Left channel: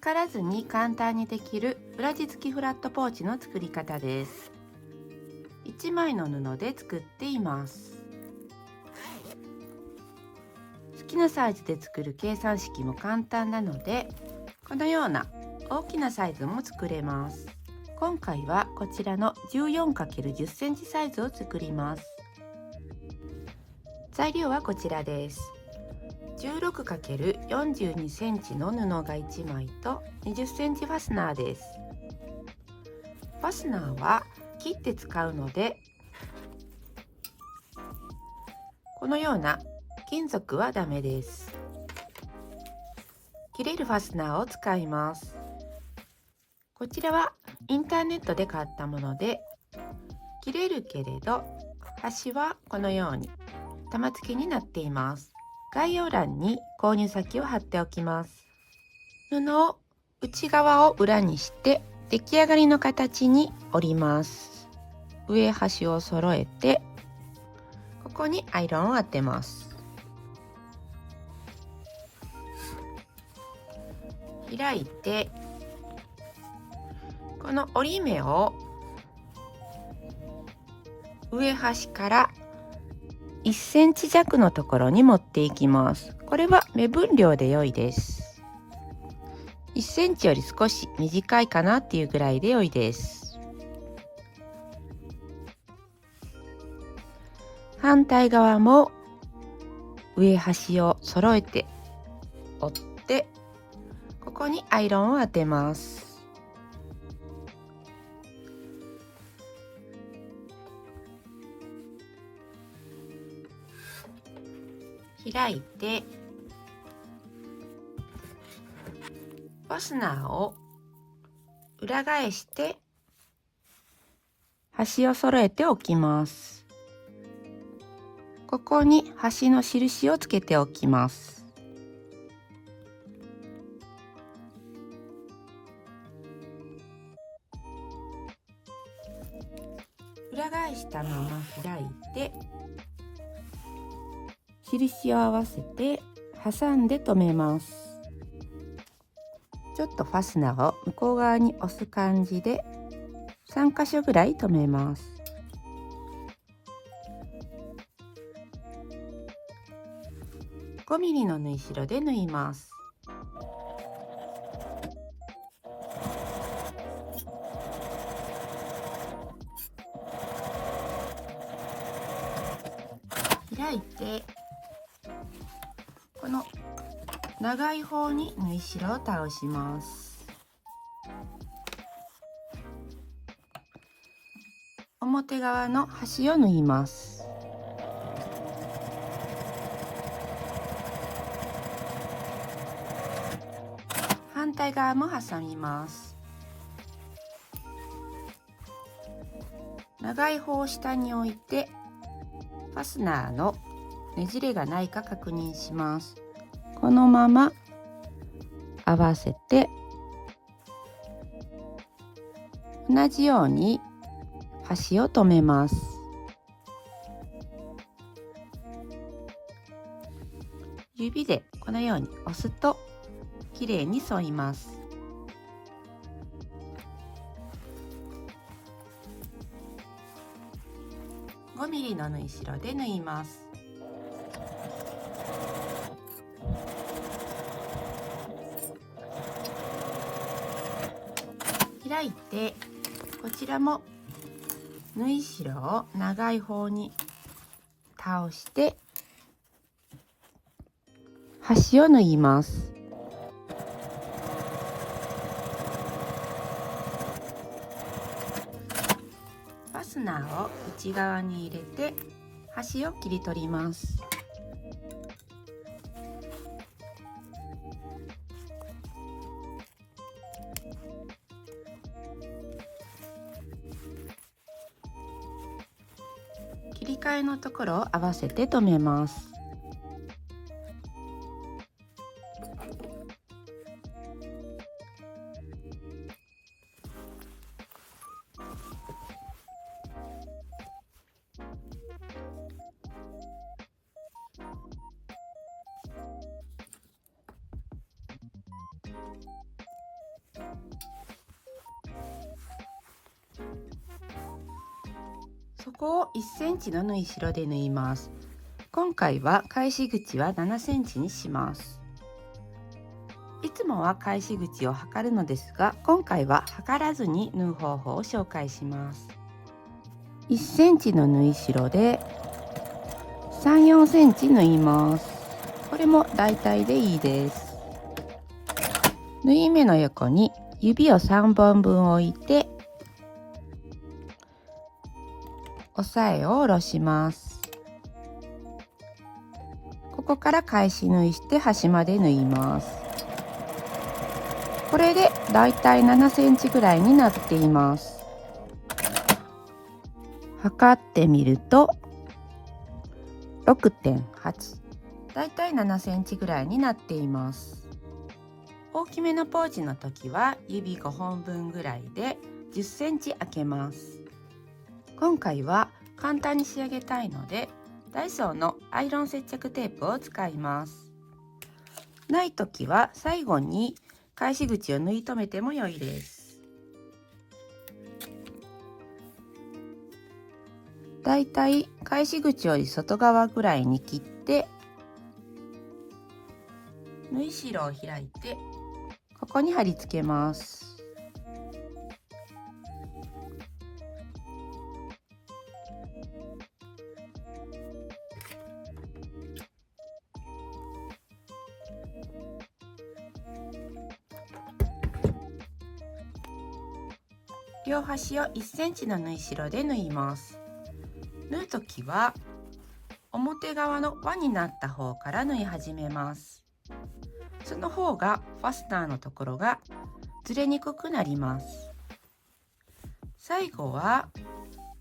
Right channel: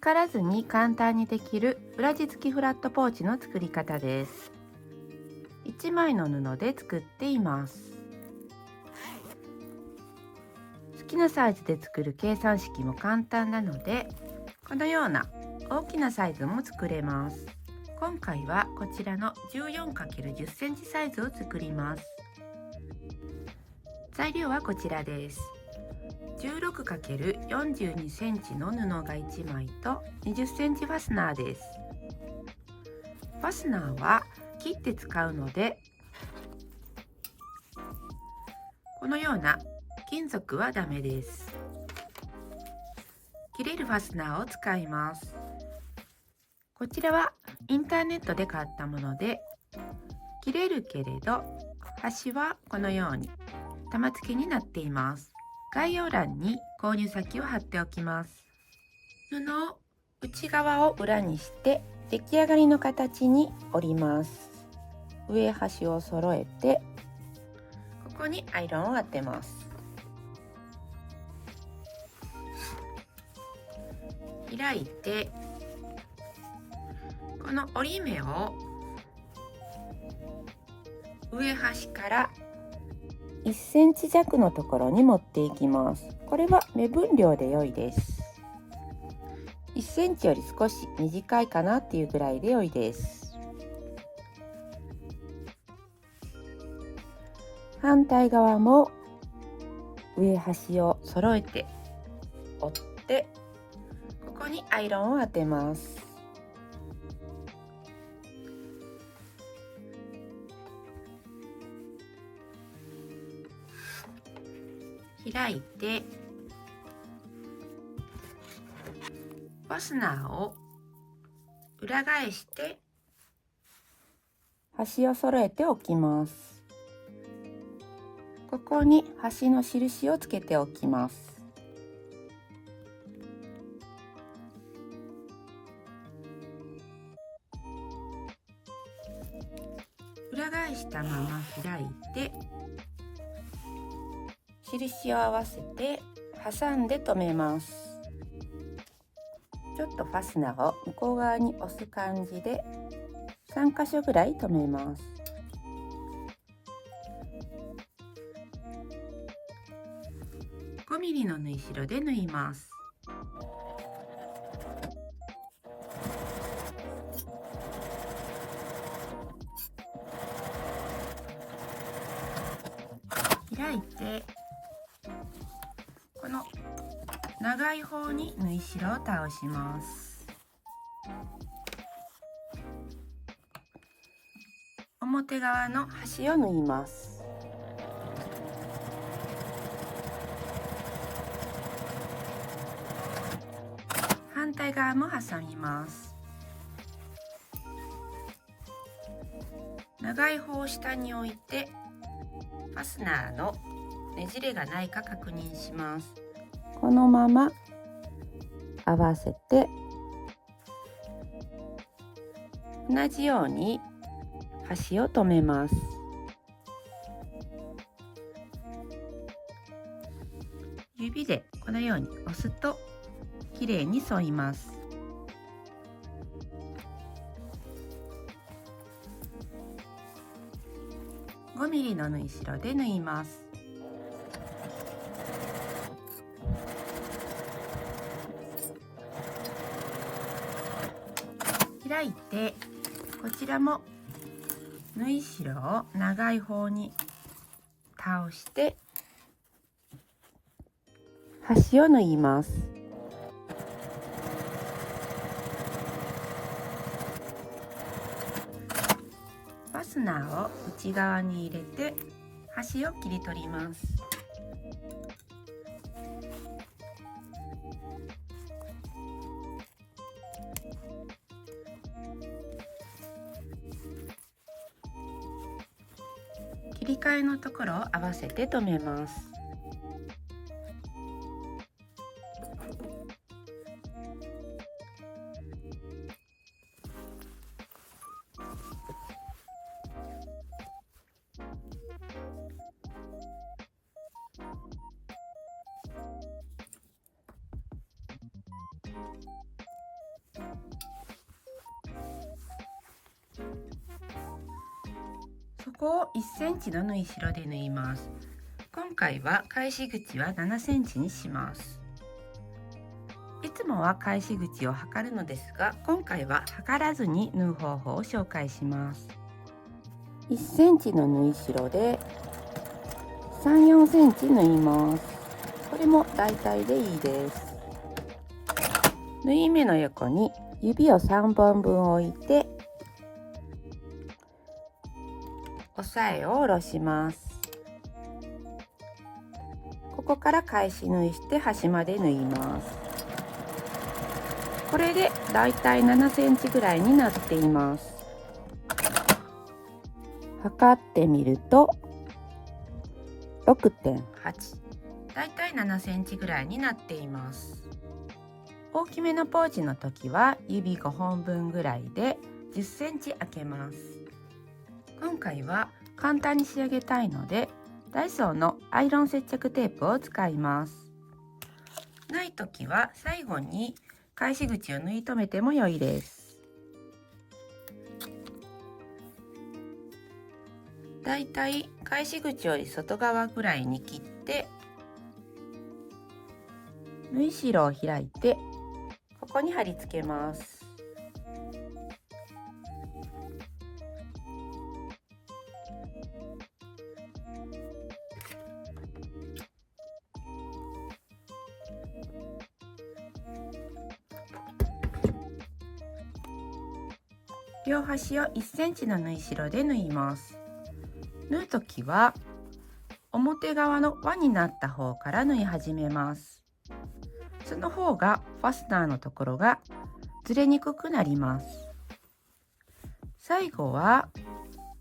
測らずに簡単にできる裏地付きフラットポーチの作り方です。1枚の布で作っています。好きなサイズで作る計算式も簡単なので、このような大きなサイズも作れます。今回はこちらの 14×10 センチサイズを作ります。材料はこちらです。16×42 センチの布が1枚と20センチファスナーです。ファスナーは切って使うので、このような金属はダメです。切れるファスナーを使います。こちらはインターネットで買ったもので、切れるけれど端はこのように玉付きになっています。概要欄に購入先を貼っておきます。布を内側を裏にして出来上がりの形に折ります。上端を揃えて、ここにアイロンを当てます。開いて、この折り目を上端から1センチ弱のところに持っていきます。これは目分量で良いです。1センチより少し短いかなっていうぐらいで良いです。反対側も上端を揃えて折って、ここにアイロンを当てます。開いて、ファスナーを裏返して端を揃えておきます。ここに端の印をつけておきます。裏返したまま開いて、印を合わせて挟んで留めます。ちょっとファスナーを向こう側に押す感じで3箇所ぐらい留めます。5ミリの縫い代で縫います。開いて、この長い方に縫い代を倒します。表側の端を縫います。反対側も挟みます。長い方を下に置いて、ファスナーのねじれがないか確認します。このまま合わせて、同じように端を留めます。指でこのように押すときれいに沿います。5ミリの縫い代で縫います。開いて、こちらも縫い代を長い方に倒して端を縫います。ファスナーを内側に入れて端を切り取ります。切り替えのところを合わせて留めます。底を1センチの縫い代で縫います。今回は返し口は7センチにします。いつもは返し口を測るのですが、今回は測らずに縫う方法を紹介します。1センチの縫い代で3、4センチ縫います。これも大体でいいです。縫い目の横に指を3本分置いて押さえを下ろします。ここから返し縫いして端まで縫います。これでだいたい7センチぐらいになっています。測ってみると 6.8、 だいたい7センチぐらいになっています。大きめのポーチの時は指5本分ぐらいで10センチ開けます。今回は簡単に仕上げたいので、ダイソーのアイロン接着テープを使います。ない時は最後に返し口を縫い留めても良いです。だいたい返し口より外側ぐらいに切って、縫い代を開いてここに貼り付けます。両端を1センチの縫い代で縫います。縫うときは表側の輪になった方から縫い始めます。その方がファスナーのところがずれにくくなります。最後は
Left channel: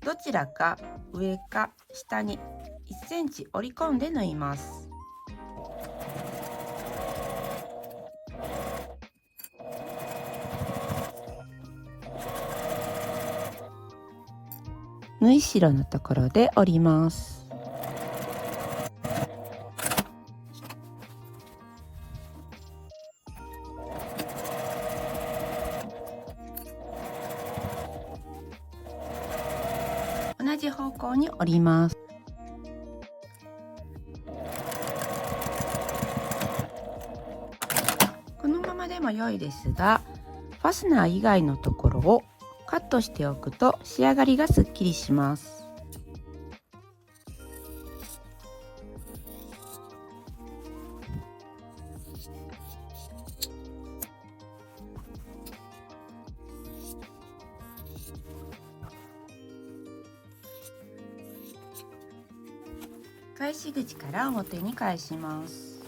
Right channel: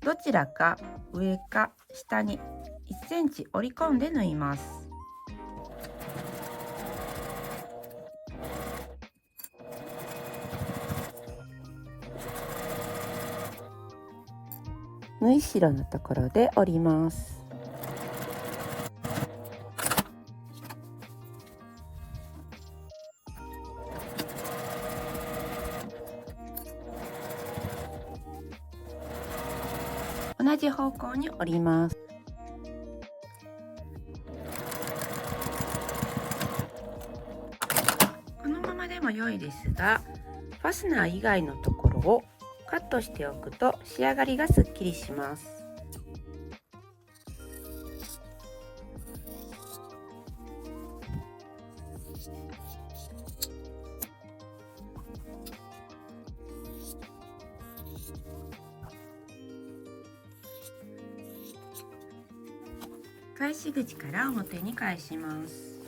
どちらか上か下に1センチ折り込んで縫います。縫い代のところで折ります。同じ方向に折ります。このままでも良いですが、ファスナー以外のところをカットしておくと仕上がりがすっきりします。返し口から表に返します。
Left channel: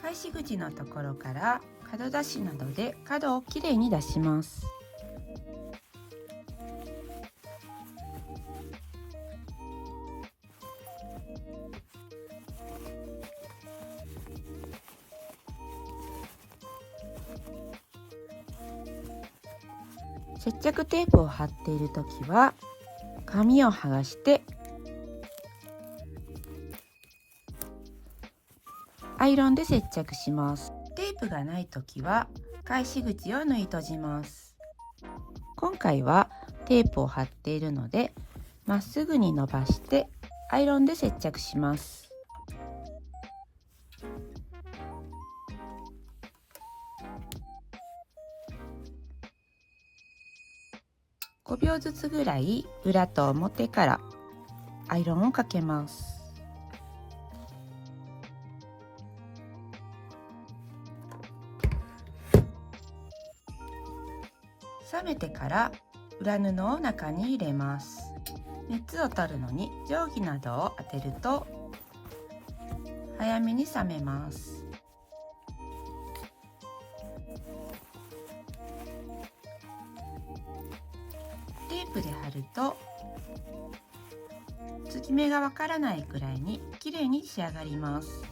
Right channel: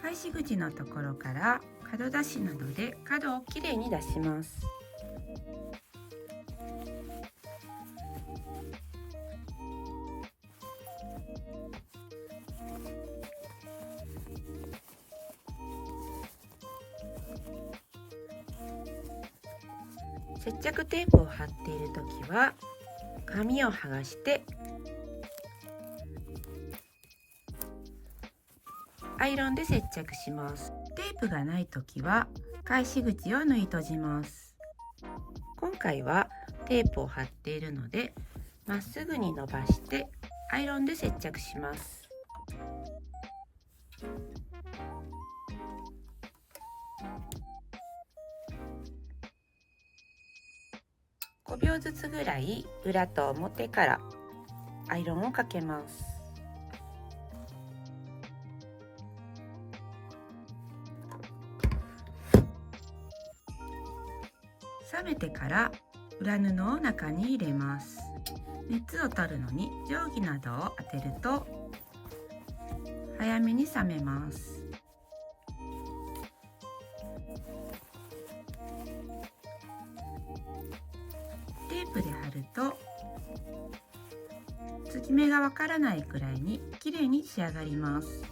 返し口のところから角出しなどで角をきれいに出します。接着テープを貼っているときは紙を剥がしてアイロンで接着します。テープがないときは返し口を縫い閉じます。今回はテープを貼っているのでまっすぐに伸ばしてアイロンで接着します。5秒ずつぐらい裏と表からアイロンをかけます。冷めてから裏布を中に入れます。熱を取るのに定規などを当てると早めに冷めます。テープで貼ると継ぎ目がわからないくらいにきれいに仕上がります。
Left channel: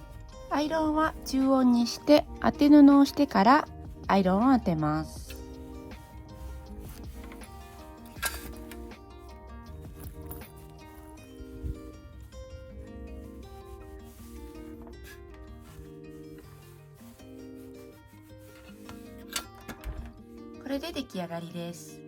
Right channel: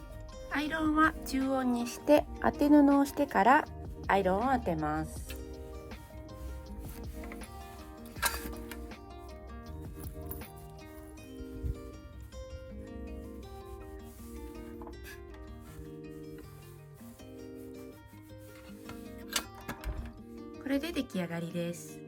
アイロンは中温にして当て布をしてからアイロンを当てます。これで出来上がりです。